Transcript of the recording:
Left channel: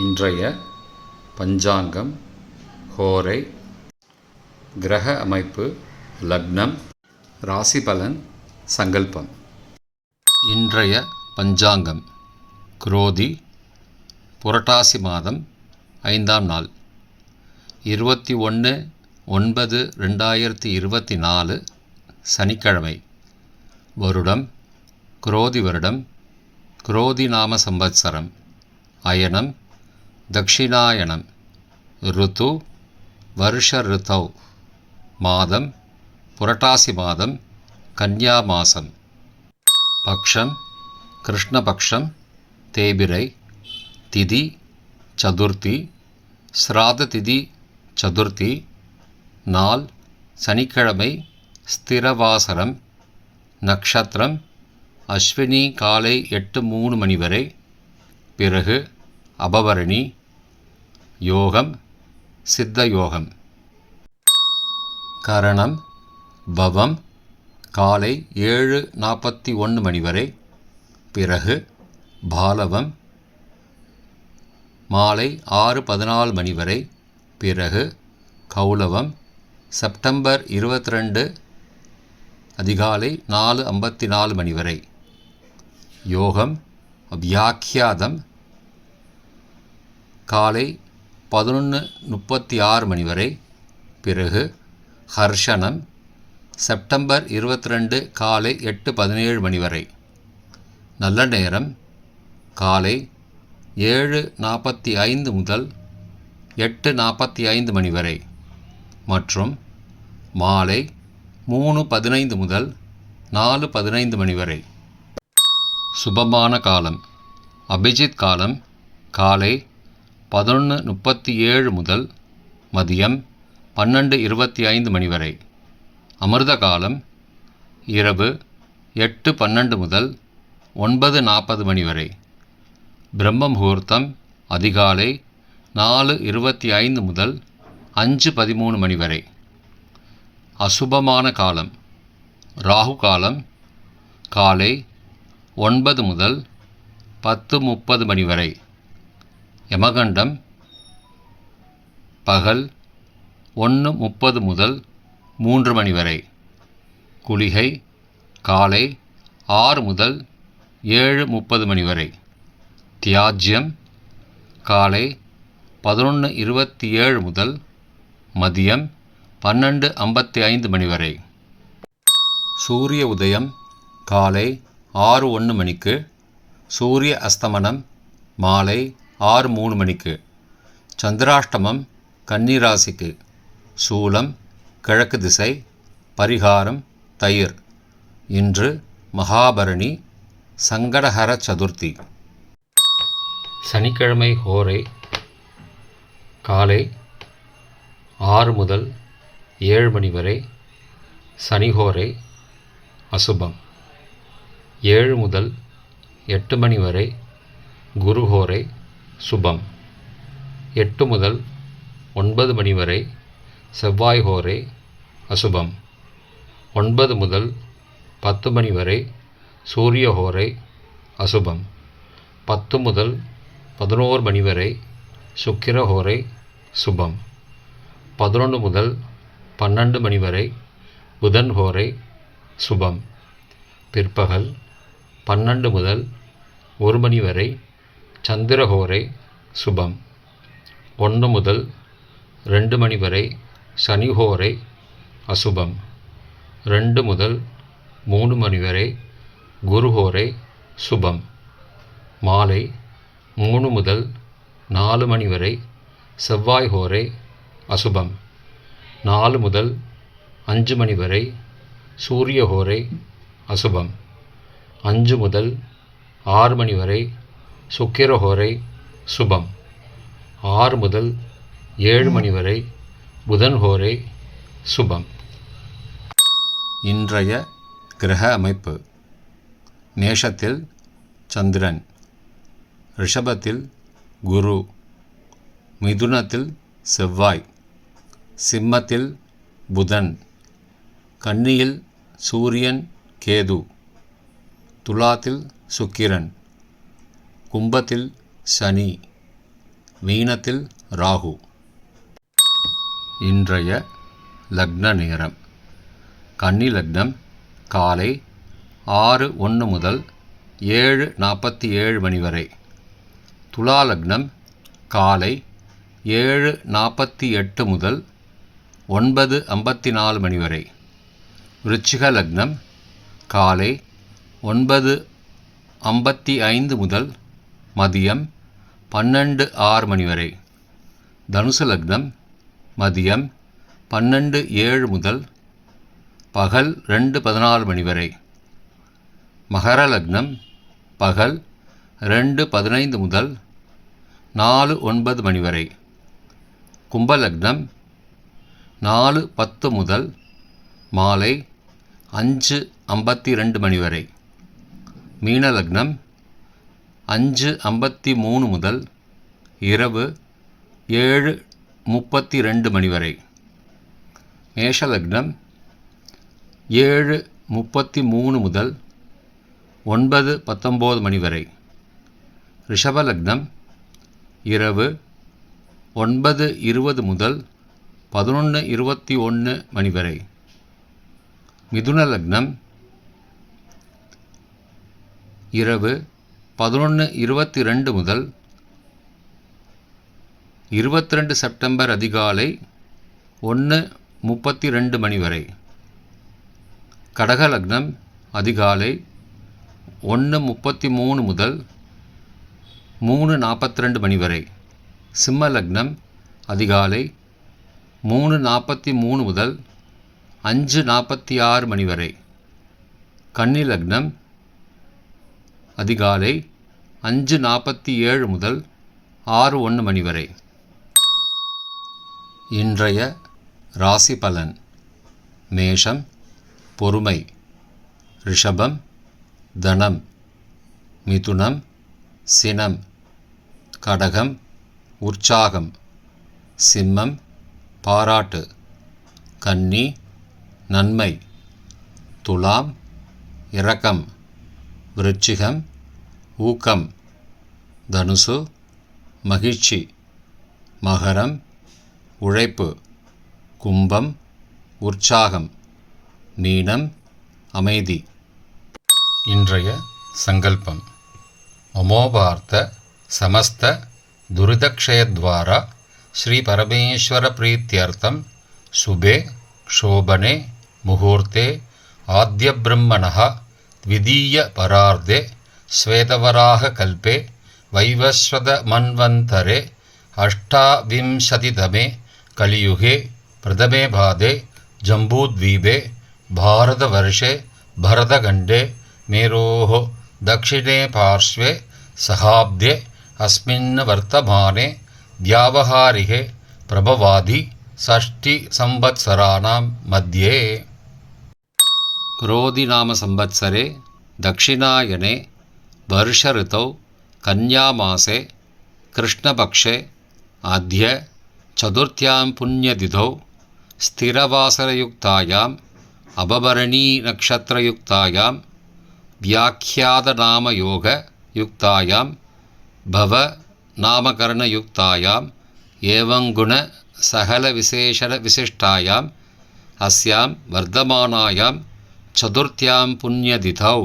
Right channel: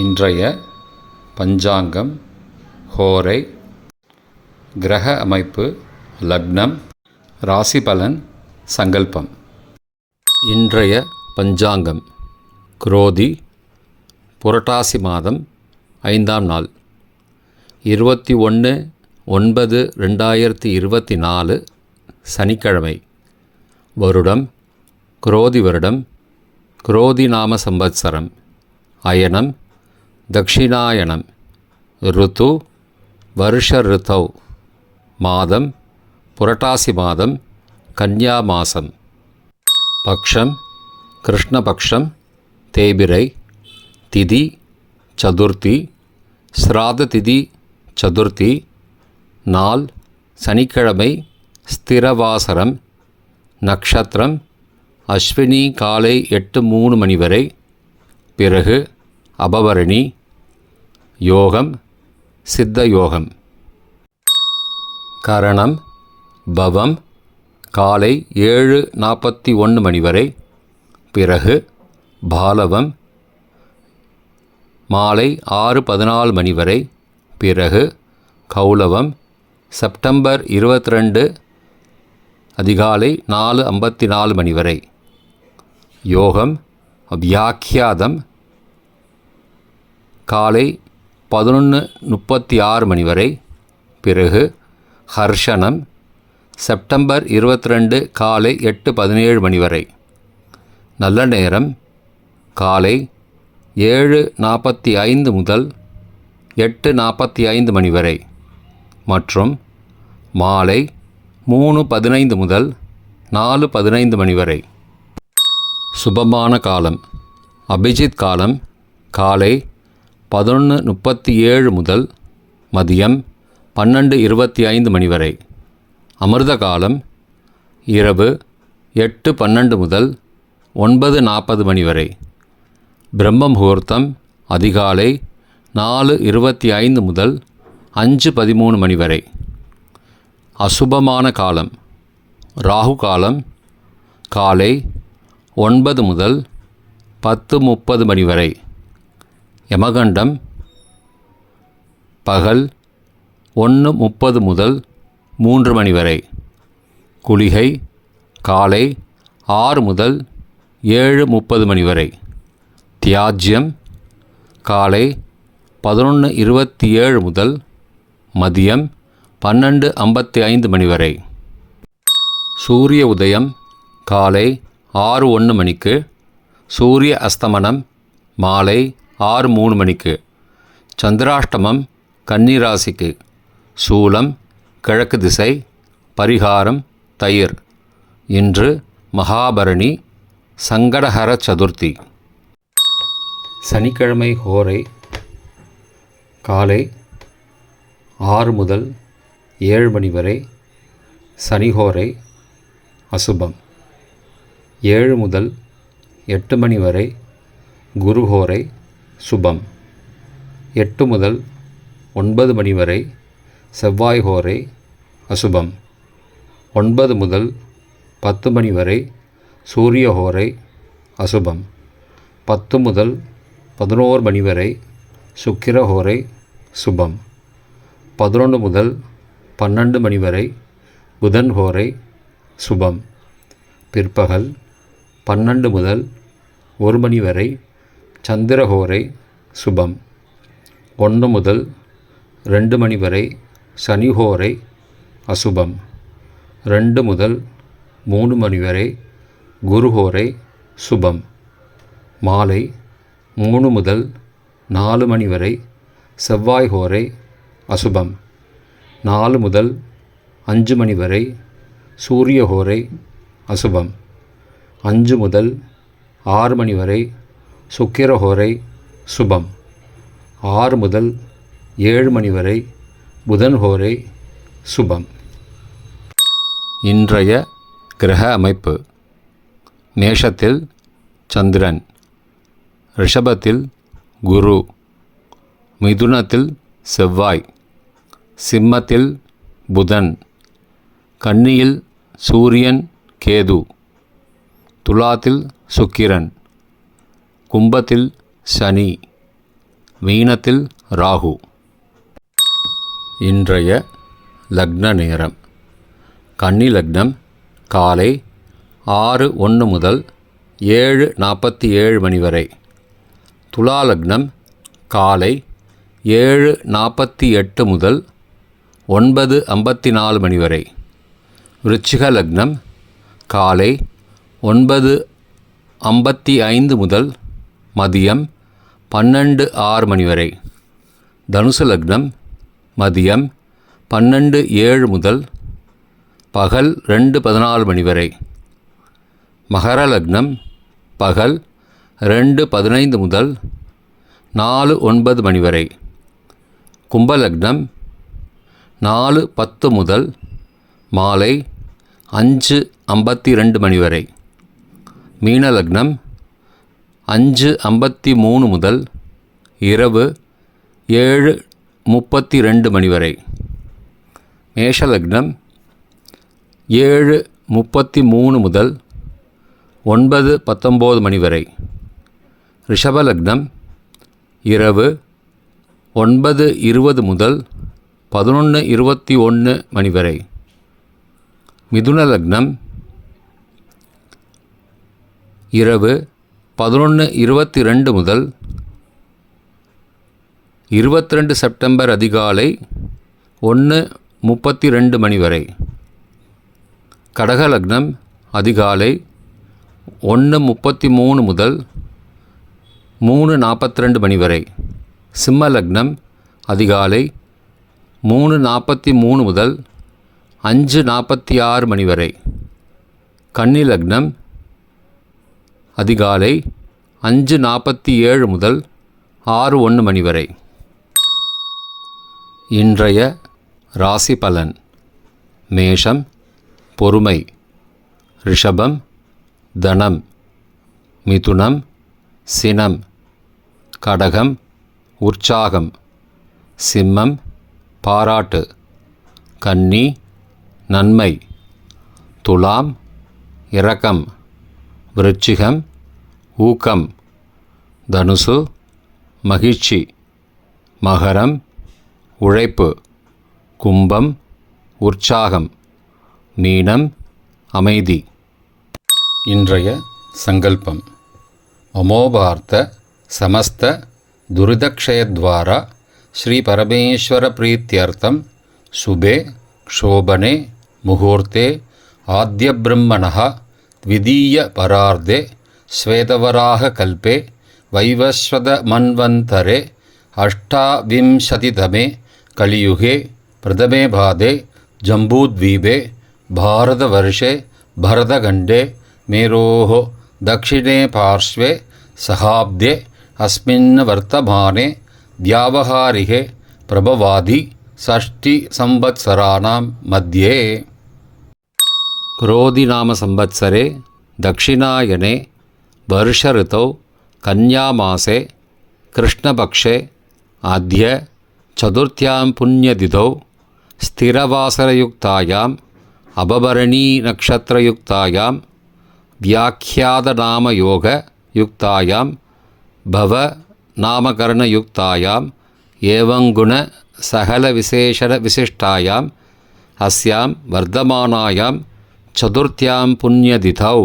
இன்றைய பஞ்சாங்கம், ஹோரை, கிரக அமைப்பு, லக்னம், ராசி பலன், சங்கல்பம். இன்றைய பஞ்சாங்கம் குரோதி புரட்டாசி மாதம் 5ஆம் நாள் 21/9/2024 சனிக்கிழமை. வருடம் குரோதி வருடம், குரோதி நாம சம்பத்சரம், அயனம் தக்ஷிணாயனம், ருத்து வருஷ ருத்தௌ, மாதம் புரட்டாசி மாதம், கன்யா மாதம். பக்ஷம் கிருஷ்ணபக்ஷம், தேய்பிரை, திதி சதுர்த்தி, ஸ்ராத திதி சதுர்த்தி, நாள் சனிக்கிழமை, ஸ்திரவாசரம், நக்ஷத்திரம் அஸ்வினி காலை 8:03 மணி வரை, பிறகு அபவரணி, யோகம் சித்த யோகம். கரணம் பவம் காலை 7:41 மணி வரை, பிறகு பாலவம் மாலை 6:14 மணி வரை, பிறகு கௌலவம் செப்டம்பர் 22 அதிகாலை 4:54 மணி வரை. யோகம் வியாக்கியாதம் காலை 11:36 மணி வரை, பிறகு ஹர்ஷனம் செப்டம்பர் 22 காலை 8:17 மணி வரை. நல்ல நேரம் காலை 7:45 முதல் 8:45 மணி வரை மற்றும் மாலை 3:15 முதல் 4:15 மணி வரை. சுபமான காலம் அபிஜித் காலம் காலை 11:37 முதல் மதியம் 12:25 மணி வரை. அமிர்த காலம் இரவு 8:12 முதல் 9:40 மணி வரை. பிரம்ம முகூர்த்தம் அதிகாலை 4:25 முதல் 5:13 மணி வரை. அசுபமான காலம் ராகு காலம் காலை 9 முதல் 10:30 மணி வரை. யமகண்டம் பகல் 1:30 முதல் 3 மணி வரை. குளிகை காலை 6 முதல் 7:30 மணி வரை. தியாஜ்யம் காலை 11:27 முதல் மதியம் 12:55 மணி வரை. சூரிய உதயம் காலை 6:01 மணிக்கு, சூரிய அஸ்தமனம் மாலை 6:03 மணிக்கு. சந்திராஷ்டமம் கன்னிராசிக்கு. சூலம் கிழக்கு திசை, பரிகாரம் தயிர். இன்று மகாபரணி, சங்கடஹர சதுர்த்தி. சனிக்கிழமை ஹோரை காலை 6 முதல் 7 மணி வரை சனிஹோரை அசுபம். 7 முதல் 8 மணி வரை குருஹோரை சுபம். 8 முதல் 9 மணி வரை செவ்வாய் ஹோரை அசுபம். 9 முதல் 10 மணி வரை சூரிய ஹோரை அசுபம். 10 முதல் 11 மணி வரை சுக்கிர ஹோரை சுபம். 11 முதல் 12 மணி வரை புதன் ஹோரை சுபம். பிற்பகல் 12 முதல் 1 மணி வரை சந்திரஹோரை சுபம். 1 முதல் 2 மணி வரை சனிஹோரை அசுபம். 2 முதல் 3 மணி வரை குருஹோரை சுபம். மாலை 3 முதல் 4 மணி வரை செவ்வாய் ஹோரை அசுபம். 4 முதல் 5 மணி வரை சூரிய ஹோரை அசுபம். 5 முதல் 6 மணி வரை சுக்கிர ஹோரை சுபம். 6 முதல் 7 மணி வரை புதன் ஹோரை சுபம். இன்றைய கிரக அமைப்பு. மேஷத்தில் சந்திரன், ரிஷபத்தில் குரு, மிதுனத்தில் செவ்வாய், சிம்மத்தில் புதன், கன்னியில் சூரியன் கேது, துலாத்தில் சுக்கிரன், கும்பத்தில் சனி, மீனத்தில் ராகு. இன்றைய லக்ன நேரம். கன்னி லக்னம் காலை 6:01 முதல் 7:47 மணி வரை. துலா லக்னம் காலை 7:48 முதல் 9:54 மணி வரை. விருச்சிக லக்னம் காலை 9:55 முதல் மதியம் 12:06 மணி வரை. தனுசு லக்னம் மதியம் 12:07 முதல் பகல் 2:14 மணி வரை. மகர லக்னம் பகல் 2:15 முதல் 4:09 மணி வரை. கும்ப லக்னம் 4:10 முதல் மாலை 5:52 மணி வரை. மீன லக்னம் 5:53 முதல் இரவு 7:32 மணி வரை. மேஷ லக்னம் 7:33 முதல் 9:19 மணி வரை. ரிஷப லக்னம் இரவு 9:20 முதல் 11:21 மணி வரை. மிதுன லக்னம் இரவு 11:22 முதல் 22 செப்டம்பர் அதிகாலை 1:32 மணி வரை. கடக லக்னம் அதிகாலை 1:33 முதல் 3:42 மணி வரை. சிம்ம லக்னம் அதிகாலை 3:43 முதல் 5:46 மணி வரை. கன்னி லக்னம் அதிகாலை 5:47 முதல் 6:01 மணி வரை. இன்றைய ராசி பலன். மேஷம் பொறுமை, ரிஷபம் தனம், மிதுனம் சினம், கடகம் உற்சாகம், சிம்மம் பாராட்டு, கன்னி நன்மை, துலாம் இரக்கம், விருச்சிகம் ஊக்கம், தனுசு மகிழ்ச்சி, மகரம் உழைப்பு, கும்பம் உற்சாகம், மீனம் அமைதி. இன்றைய சங்கல்பம். அமோபார்த்த சமஸ்த துரிதக்ஷயத்வாரா ஸ்ரீ பரமேஸ்வர பிரீத்யர்த்தம் சுபே க்ஷோபனே முகூர்த்தே ஆத்ய பிரம்மணः த்விதீய பரார்த்தே ஸ்வேதவராக கல்பே வைவஸ்வத மன்வந்தரே அஷ்டாவிம்சதிதமே கலியுகே பிரதமே பாதே ஜம்பூத்வீபே பாரதவர்ஷே பரதகண்டே மேரோः दक्षिणे पार्श्वे सहाब्दे अस्मिन् वर्तमाने व्यावहारिके प्रभवादि षष्टिसंवत्सराणां मध्ये क्रोधिनाम संवत्सरे दक्षिणायने वर्षऋतौ कन्यामासे कृष्णपक्षे आद्य चतुर्थ्यां पुण्यतिथौ स्थिरवासरयुक्तायाम् अपभरणीनक्षत्रयुक्तायां व्याख्यातनामयोगयुक्तायां भवनामकरणयुक्तायाम् एवं गुणसहलविशेषणविशिष्टायाम् अस्यां वर्धमानायां चतुर्थ्यां पुण्यतिथौ